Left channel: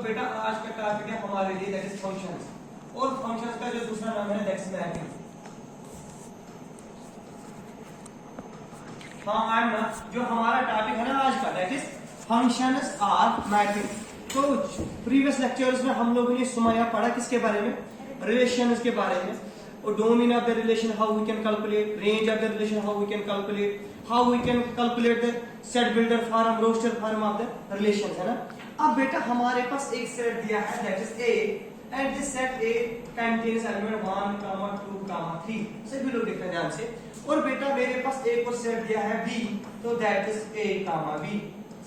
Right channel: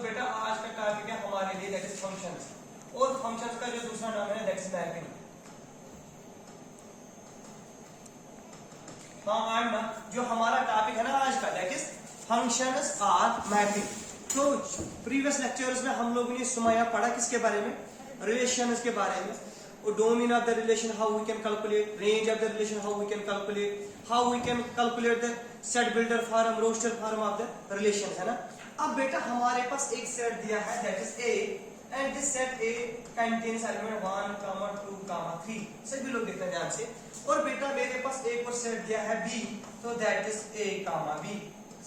तो बेटा आज का टॉपिक है हमारे लिए दैट इज फंक्शंस, और फंक्शंस का जो दूसरा नाम है दैट इज मैपिंग। हाँ आई ना, जो हमारा टॉपिक है ना आज का that is functions are mapping. तो प्रीवियस लेक्चर्स में हम लोगों ने सुमाया पढ़ा किसके बारे में, रिलेशंस के बारे में, और domain of the relation, how we can calculate range of the relation, how we can calculate, how we can calculate the set builder form, roster form of the relation, है ना। अब बेटा हमारे पास एक सेट दिया है that is a, and this set A contains element 1, 2, 3। सभी लोग देखना ध्यान से। और बेटा मेरे पास एक और सेट दिया है बी, तो दैट इज ए, बी।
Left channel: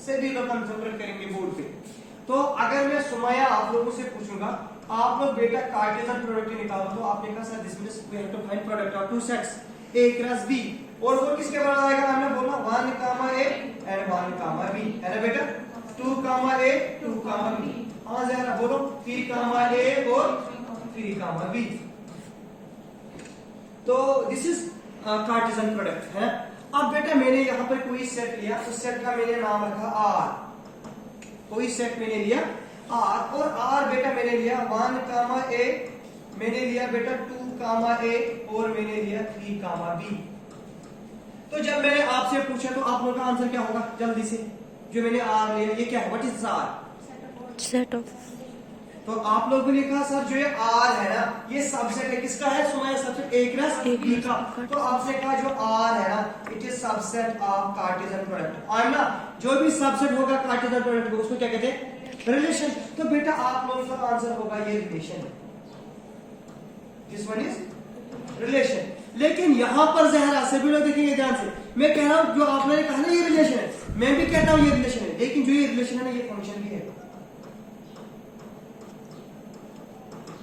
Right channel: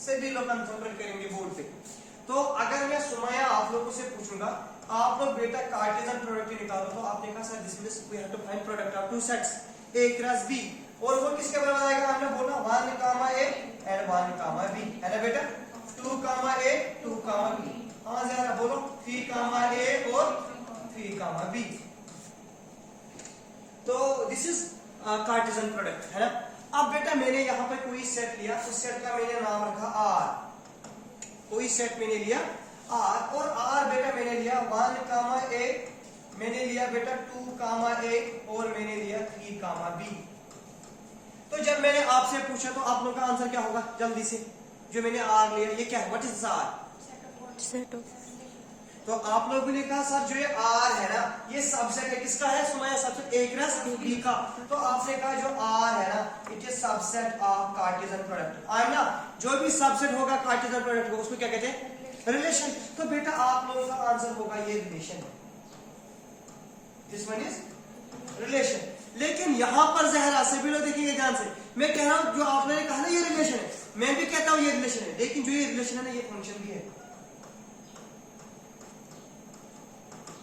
सभी लोग कंसिडर करेंगे बोर्ड पे। तो अगर मैं सुमाया आप लोगों से पूछूंगा, आप लोग बेटा कार्टेशियन प्रोडक्ट निकालो, तो आपने कहा sir this means we have to find product of two sets A cross B, और वो किसके बराबर आएगा, हमने बोला 1, ए एंड 1, बी, है ना बेटा। 2, ए 2, बी। हाँ जरा बोलो 3, ए और 3, बी। तो दिस इज कार्टेशियन प्रोडक्ट, है ना। अब बेटा मैंने यहाँ पर कोई सेट लिया, उस सेट का मैंने नाम रखा आर। कोई सेट मैंने लिया आर, और आर बेटा मैंने लिया 1, ए, मैंने लिया बेटा 2, ए और मैंने लिया 3, बी। तो जब मैंने आपसे पूछा तो आप लोगों का आंसर क्या होगा जल्दी से, जो मैंने आर लिया ये क्या है, what is R, set of. तो आप लोगों ने कहा सर जो ये आर है ना ये सबसेट है, किसका है Sumaya, subset A cross B का। तो आपने कहा जो आर है ना it is subset of Cartesian product. आई ना, जो भी सबसेट होगा कार्टेशियन प्रोडक्ट को उसको क्या कहते हैं, रिलेशन। तो बेटा आप लोगों का आंसर होगा ये रिलेशन है, दिस वन इज रिलेशन। लेकिन यहां पर जहरा सभी लोग देखेंगे ध्यान से, मैं कह रहा हूं जो आपने कहा ना ये रिलेशन है, मैं भी कहता हूं ये रिलेशन है, लेकिन जो ये रिलेशन है ना ये फंक्शन भी है,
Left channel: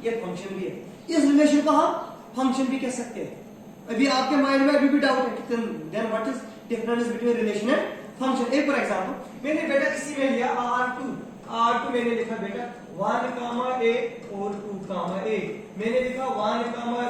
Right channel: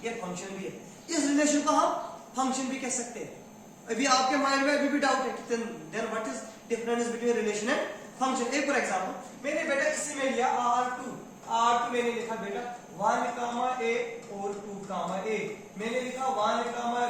ये फंक्शन भी है। इस रिलेशन को हम फंक्शन भी कह सकते हैं। अभी आपके माइंड में अभी भी डाउट है कि then what is difference between relation and function. एक फॉर एग्जांपल मैंने बेटा इसी में लिया R2 मैंने लिखा बेटा 1, ए और 2, ए, मैंने लिखा 1,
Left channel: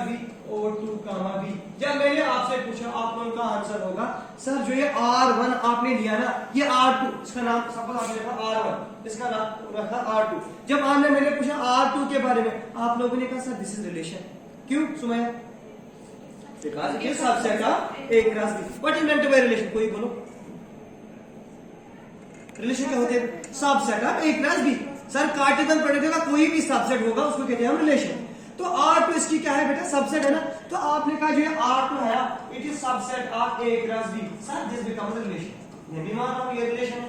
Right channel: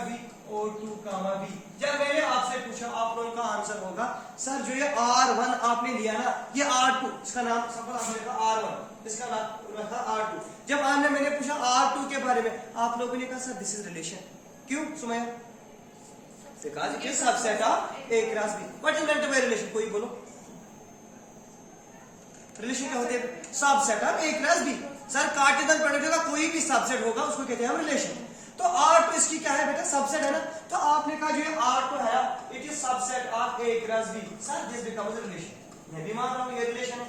बी और 2, बी। जब मैंने आपसे पूछा आप लोगों का आंसर होगा सर जो ये R1 आपने लिया ना ये R2, इसका नाम सपोज आपने लिखा R1, इसका नाम रखा R2। जब आपने मैंने पूछा R2 के बारे में आप लोगों ने कहा सर दिस इज रिलेशन। क्यों Sumaya, because it is subset of A cross B. What is meant by relation, कोई बोलो। रिलेशन क्या होते हैं, subset of A cross B. Sir Cartesian product का कोई भी सबसेट होगा उसको कहते हैं हम रिलेशन। तो R2 इसकी क्या है बेटा, सबसेट है ना। तो आपने कहा जो R2 है it is subset of A cross B, sir this becomes relation. मैं भी मान रहा हूं ये रिलेशन है।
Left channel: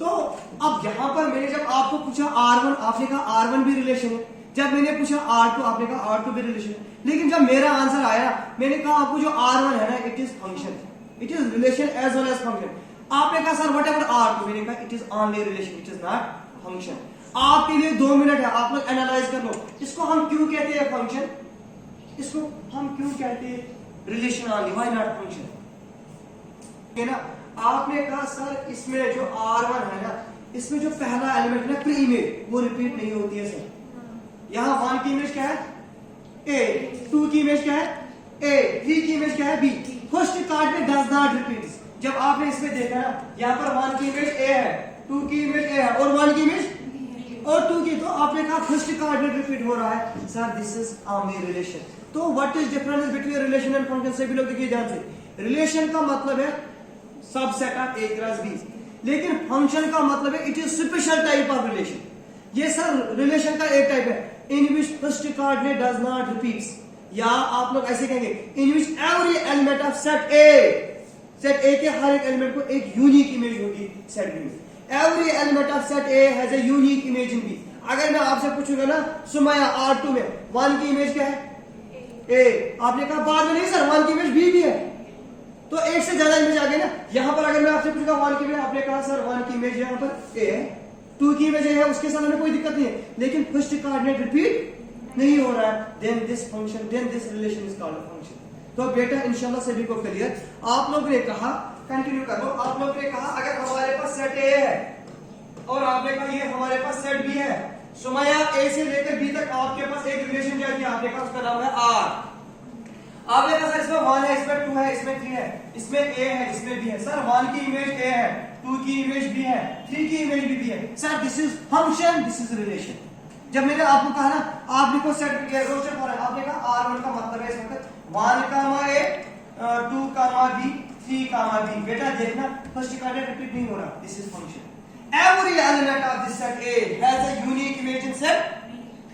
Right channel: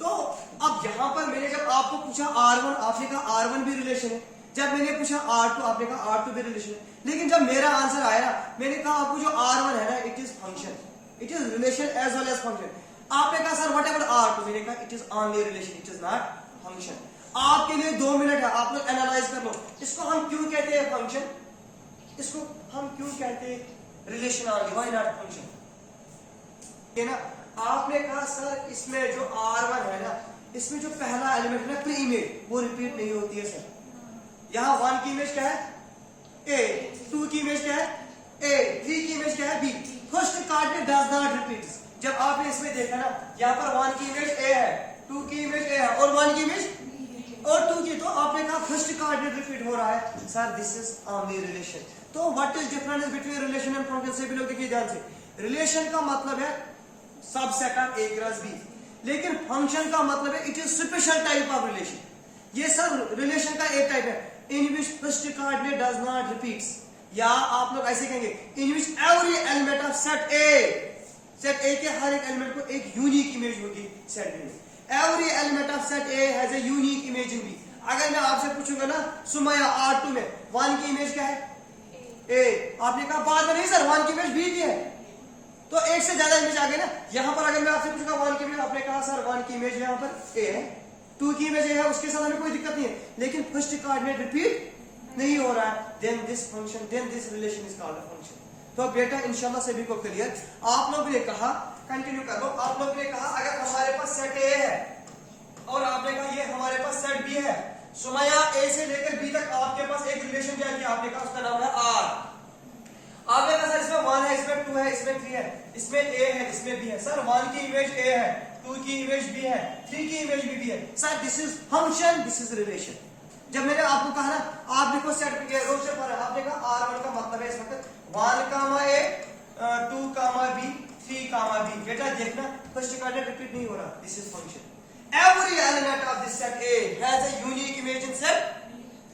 तो अब यहां पर मैंने जब आपको पूछा R1 आपने कहा R1 भी रिलेशन है, जब मैंने पूछा R2 आपने कहा R2 भी रिलेशन है। लेकिन जब मेरा आंसर आया मैंने कहा आपको जो R1 है ना it is function, it is relation as well as function. आपने कहा सर व्हाटएवर R2, मैंने कहा it is only relation, it is not function. आपके लिए 2 मिनट है, आप लोग एनालाइज कर लो इसको हम क्यों कहते हैं फंक्शन, इसको हम क्यों कहते हैं relation only, why not function, है ना। आपने कहा सर इसमें जो R1 है ना इसमें जो पहला एलिमेंट है ना प्री इमेज वो रिपीट नहीं होती है सर। यहाँ 1 की इमेज क्या है ए, 2 की इमेज क्या है ए, 3 की इमेज क्या है बी। फर्स्ट कार्ड में डज नॉट रिपीट। जब आपने इसमें देखा ना यहाँ पर 1 की इमेज ए है, 2 की इमेज ए है और 1 की इमेज और 2 की, तो आपने कहा फर्स्ट कार्ड में रिपीट हो रहा है, sir this is only relation. तो what is difference between relation and function, से भी लोग देखिए ध्यान से। रिलेशन का मतलब है subset of A cross B, लेकिन फंक्शन का मतलब है it is special type of relation. ये सर रिलेशन का एक टाइप है इन विच फर्स्ट कार्ड में डज नॉट रिपीट्स, या आप लोग ऐसे कहेंगे in which every element of set A के हर एक एलिमेंट को एक यूनिक इमेज होगी सेट बी में। Every element of set A has a unique image in B. अगर मैं आपसे पूछूंगा ना सुमाया R2 में 1 की इमेज क्या है ए, आपने कहा बाद में नहीं सर 1 की इमेज बी भी है, तो एक से ज्यादा इमेज आ गई ना। यहां पर अगर मैं आपसे पूछूंगा 1 की इमेज, आपने कहा सर 1 की इमेज यहां पर ए है, 2 की इमेज ए है, उसके साथ हमें कोई दिक्कत नहीं है, लेकिन फर्स्ट कार्ड में रिपीट नहीं हो रहा है, then this function, then this relation is called function. तो बेटा इंशाल्लाह सभी को क्लियर। आप लोगों ने कहा कंटिन्यू कर लो, आप लोगों ने कहा अगर हमारे पास सेट ए है और आपने कहा ये हमारे पास सेट बी है, सुमाया ए से लेकर बी तक आपके पास एक रिलेशन क्या किया, आपने कहा उसका नाम है आर। आपने कहा सर इसमें 1 है, इसमें 2 है, इसमें 3 है, इसमें ए है, इसमें बी है। सर 1 की इमेज ए है, 2 की इमेज भी है, 3 की इमेज भी है। Sir this is function, this is relation. जब मैंने आपको कहा ना, आप देखो सेट रोस्टर पर आपने कहा R1 का मतलब है इस वक्त 1, A, 2, B, 3, B। बेटा देखना फर्स्ट इक्वेशन रिपीट नहीं हो रहा, this is function. Every element of this set A has a unique image in set,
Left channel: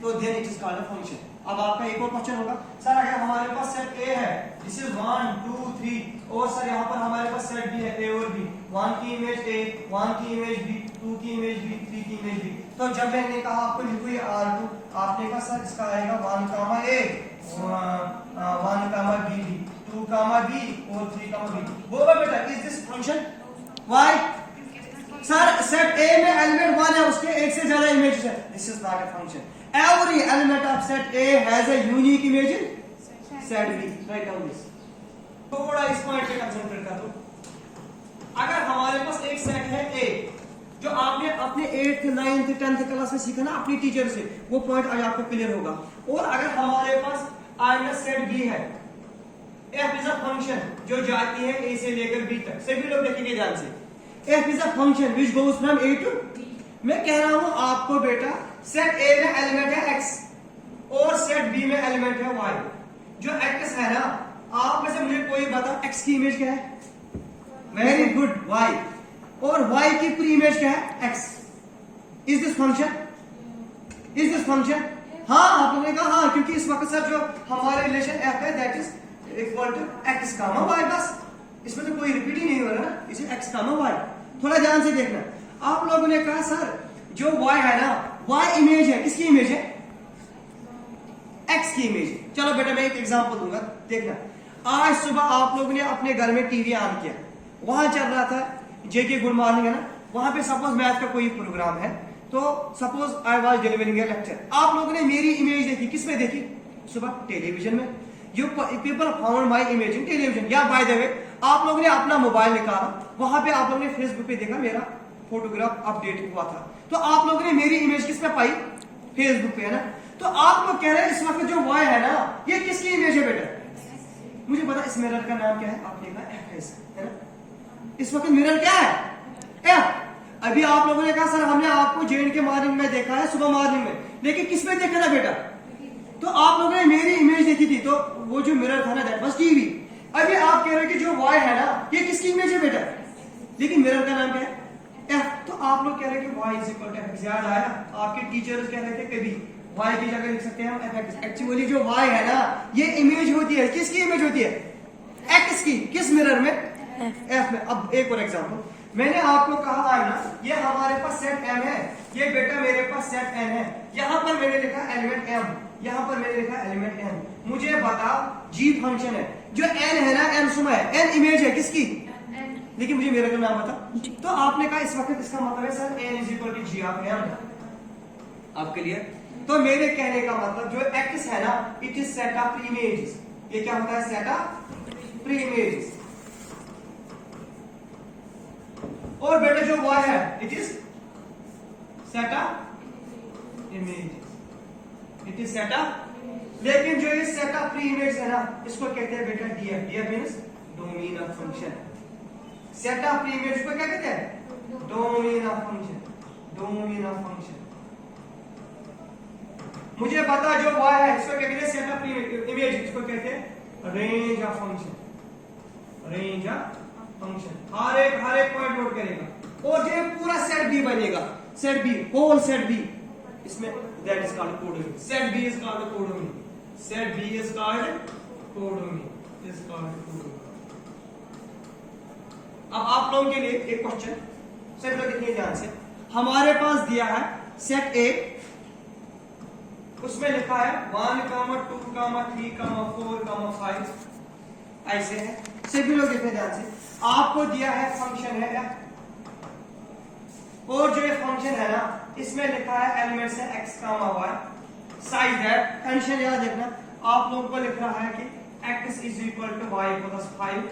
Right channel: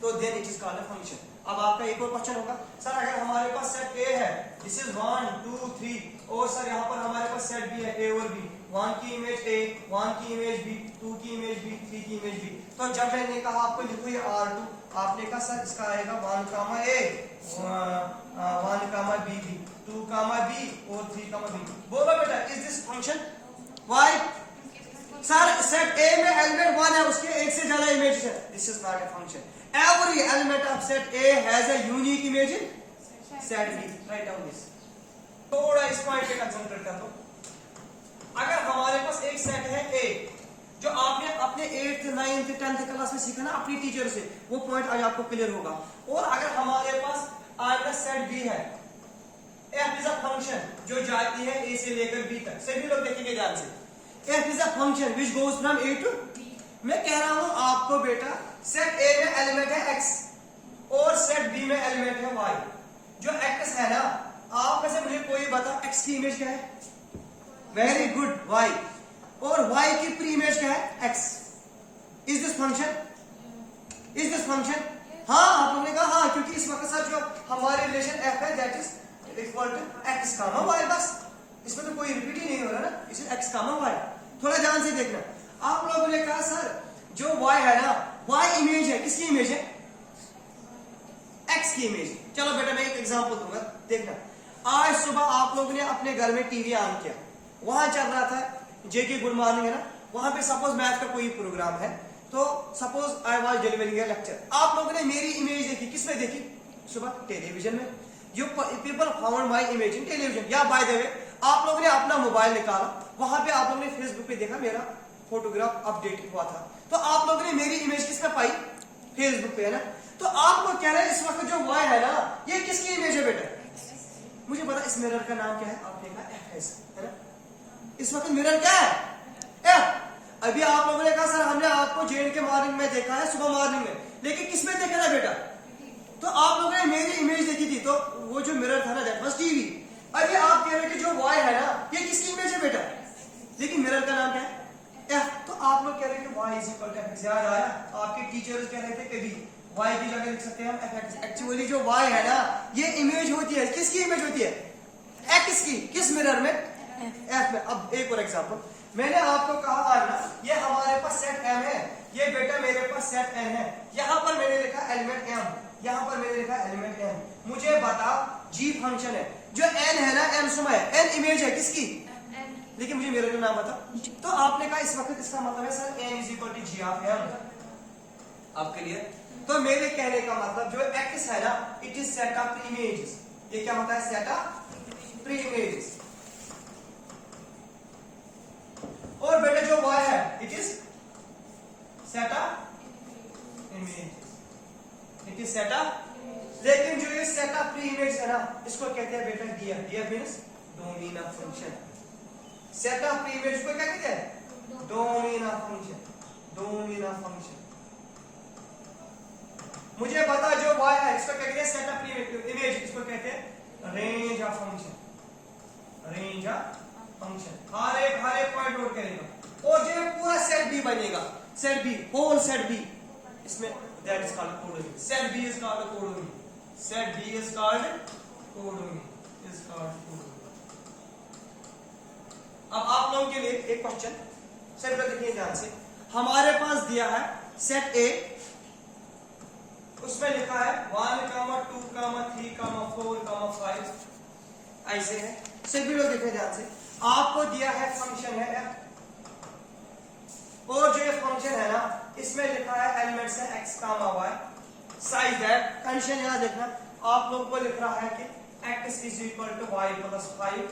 तो then it is called a function। अब आपका एक और क्वेश्चन होगा, सर अगर हमारे पास सेट A है, दिस इज 1, 2, 3, और सर यहाँ पर हमारे पास सेट B है, A और B, 1 की इमेज A, 1 की इमेज B, 2 की इमेज B, 3 की इमेज B। तो जब मैंने कहा आपको लिखो ये R2, आपने कहा सर इसका आएगा 1, A, 1, B, 2, B और 3, B। बोलो बेटा is this function? Why? Sir set A में एलिमेंट 1 है, उसके एक से ज्यादा इमेजेस है, this is not a function. Every element of set A has a unique image in set B। Write down this। थोड़ा इस पॉइंट पे कंसंट्रेट कर दो। अगर हमारे पास एक सेट है A, जो आपने अपने 8th 9th 10th क्लास में सीखा ना अपनी टीचर से, वो पॉइंट आज आपको क्लियर होगा। और अगर हमारे पास सेट B है, F इज अ फंक्शन जो जाती है A से लेकर B तक, सभी लोग देखेंगे ध्यान से। F is a function which goes from A to B। मैं कह रहा हूं आपको बेटा, सेट A में एलिमेंट है X और सेट B में एलिमेंट है Y। जो X है ना, आप में से मुझे कोई बता X की इमेज क्या है? Very good, Y। और Y की प्री इमेज क्या है? X। Is this function? Is this function? हाँ, आपने कहा हाँ, क्योंकि इस वक्त सर जो हमारे रिलेशन F है that is equal to X, Y। बस इसमें तो कोई रिपीट ही नहीं हो रहा ना, इसे X, Y। थोड़ा ध्यान से देखना। आप लोगों ने कहा सर जो Y है ना, Y इमेज है, किसकी इमेज है? X की इमेज। चलो बेटा मैं एक एग्जांपल दूंगा, देखना। आज सुबह आप लोगों ने अपने घर में टीवी ऑन किया, वहां चल रहा था जेके गुड मॉर्निंग है ना, वहां पे सपोज मैथ का कोई प्रोग्राम है, तो suppose I was delivering A lecture. आप लोगों ने मेरी इमेज देखी, किसमें देखी? सुबह टेलीविजन में। You people found my image in television. या बाय द वे आप लोगों ने अपना मोबाइल निकाला, वहां पे आप लोगों ने फेसबुक पे देखा मेरा फोटोग्राफ अपडेट हुआ था, तो आप लोगों ने मेरी इमेज किस पे पाई? फेसबुक पे, है ना। तो आप लोग कह रहे हैं इस वक्त जो Y है ना, ये किसकी इमेज है बेटा? मुझे पता इस मिरर का नाम क्या है, आपने कहा F है ना। इस वक्त मिरर क्या है? F। अभी आप लोगों ने कहा सर हमने आपको JNK मॉर्निंग में देखा है, सुबह मॉर्निंग में, लेकिन किस में देखा था बेटा? तो आप लोगों ने मेरी इमेज देखी थी, तो वो जो मिरर था ना दैट वाज टीवी। अभी आप कह रहे हैं कि जो Y है ना, ये किसकी इमेज है बेटा? लेकिन मिरर का नाम क्या है? F। तो आप लोग कह रहे हैं कि Y is equal to F। याद आया ना, आपके टीचर्स कह रहे थे कभी Y की जगह लिख सकते हैं हम F। एक्चुअली जो Y है ना, ये इमेज होती है, किसकी इमेज होती है? X की। किस मिरर में? F में। अब एक और एग्जांपल, मैंने आपको कहा है ना, ये हमारे पास सेट M है, ये बेटा मेरे पास सेट N है। यहां पर मैंने लिखा एलिमेंट M, यहां पर मैंने लिखा एलिमेंट M। मुझे बताओ G फंक्शन है, जो N है ना, M सुमा है, N इमेज है किसकी? लेकिन मुझे मेरा का नाम बता। तो आपने कहा इस वक्त इसका मतलब है sir N is equal to G of M। आपके लिए तो मेरे कहने का मतलब जो X है ना, it is set of images. ये क्या होता है? Set of pre images. और बेटा जो Y है, it is set of images. It is set of, लेकिन जो ये सेट ऑफ प्री इमेज है ना, इसको कहते हैं बेटा DF। DF means domain of function. Set of pre image को क्या कहते हैं? Domain of function. Domain of function. मुझे पता जो Y है इसको क्या कहते हैं? Set of pre image. इसको कहते हैं range of function. Range of function. हर एक पॉइंट नोट करेगा। और जो पूरा सेट B बनेगा, set B, whole set B, इसमें that is called codomain. Set B is called codomain. Set B is called codomain. Is called codomain. अब आप लोगों के लिए एक क्वेश्चन, सर लोग इतने ध्यान से, हमारे पास दिया है सेट A, उसमें लिखा है 1, 2, 3, 4, 5 ऐसे है। सभी लोग देखने ध्यान से। आपको दिया है फंक्शन है F, और जो ये फंक्शन है ना, इसमें लिखा है एलिमेंट्स है X, Y, size that. Condition याद देखना, आप लोगों को लिख रहा है कि X is equal to Y plus 5,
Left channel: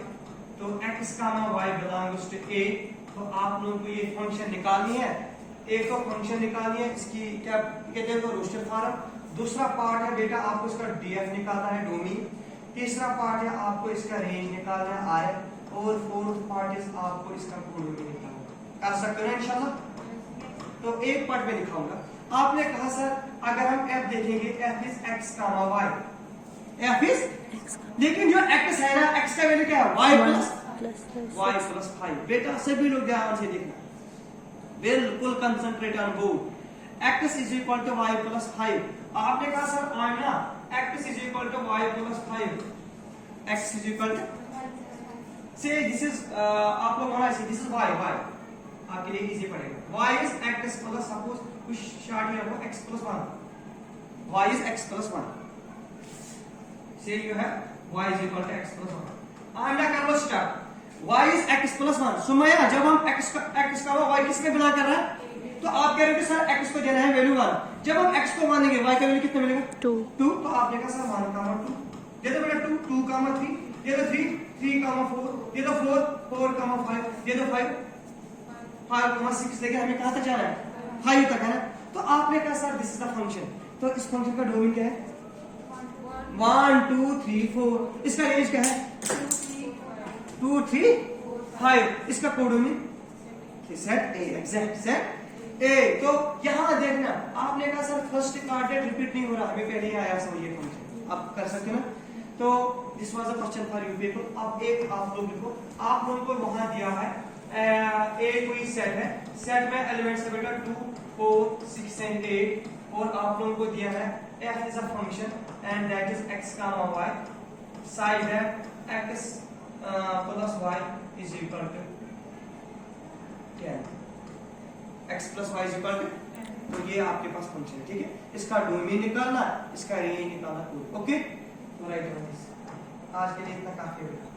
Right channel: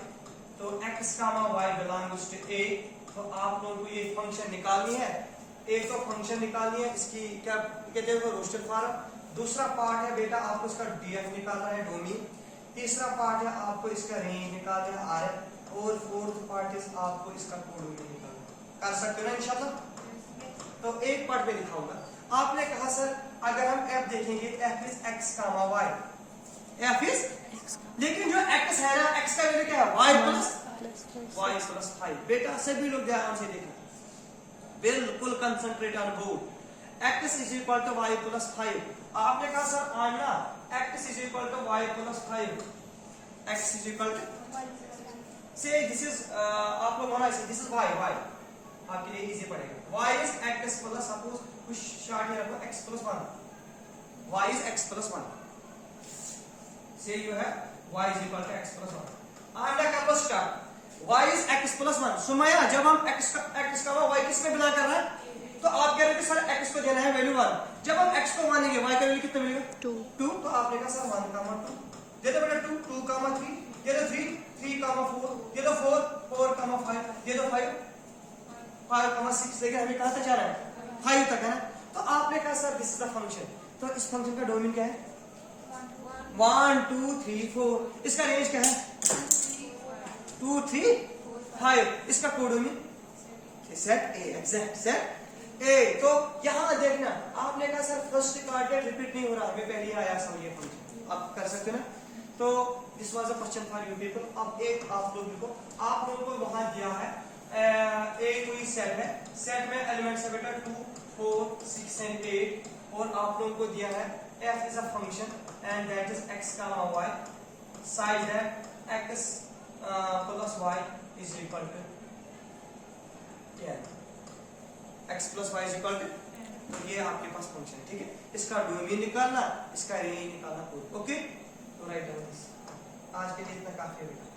तो X, Y belongs to A। तो आप लोगों को ये फंक्शन निकालनी है। एक तो फंक्शन निकालनी है, इसकी क्या कहते हैं, रोस्टर फॉर्म। दूसरा पार्ट है बेटा आपको इसका DF निकालना है, डोमेन। तीसरा पार्ट है आपको इसका रेंज निकालना है, RF। और फोर्थ पार्ट इज आपको इसका कोडोमी निकालना है। कर सकते हो ना इंशाल्लाह। तो एक पार्ट में दिखाऊंगा। आपने कहा सर अगर हम f देखेंगे f is x comma y, f is x, लेकिन जो x है ना x का वैल्यू क्या है y प्लस 5। बेटा सभी लोग ध्यान से देखना, बिल्कुल concentrate on board. x is equal to y plus 5। आपने कहा सर आना x is equal to y plus 5, x is equal to से दिस इज आप लोग होना चाहिए, दिस इज y, आपके लिए इजी पड़ेगा। y is x plus, suppose कुछ शॉर्ट में रखो x plus 1, y is x plus 1, से जो है y is equal to x plus 1। आई एम ना कर लो start. y is x plus 1। Sumaiya जब हम x का y किस में बिलोंग कर रहा है, तो आप कह रहे हो कि सर x को देना है वैल्यू 1। जब हम x को मानेंगे y का वैल्यू कितना मिलेगा 2। तो आपने कहा सर 1 कामा 2, ये तो बेटा 2 2 कामा 3, ये तो 3 3 कामा 4, ये तो 4 4 कामा 5, ये तो 5 5 कामा 6। देखिए हमें कहां तक जाना है 5 तक है। तो आपने कहा sir this is the function, तो इस फंक्शन का डोमेन क्या है 1 2 3 4। इसका रेंज क्या है 2 3 5। इसका कोडोमेन सेट ए, एग्जैक्ट सेट ए। तो यहां देखना, आपने कहा सर फर्स्ट कार्टेड रिपीट नहीं हो रहा, हमें पहले ही आया समझिए फंक्शन, आप कर सकते हो ना। तो this was a question for you people. अब एक आप लोग लिखो, आप लोगों को वहां दिया है ए कोई सेट है, सेट में एलिमेंट्स है बेटा 2 4 6 एंड 8, और आप लोगों को दिया है f is a function and that is x comma y, side है x plus y is equal to 10, x plus y is equal to, तो ये आपके पास फंक्शन है, ठीक है। इसका डोमेन निकालना, इसका रेंज निकालना, ओके। तो राइट, आज के लिए इतना काफी है।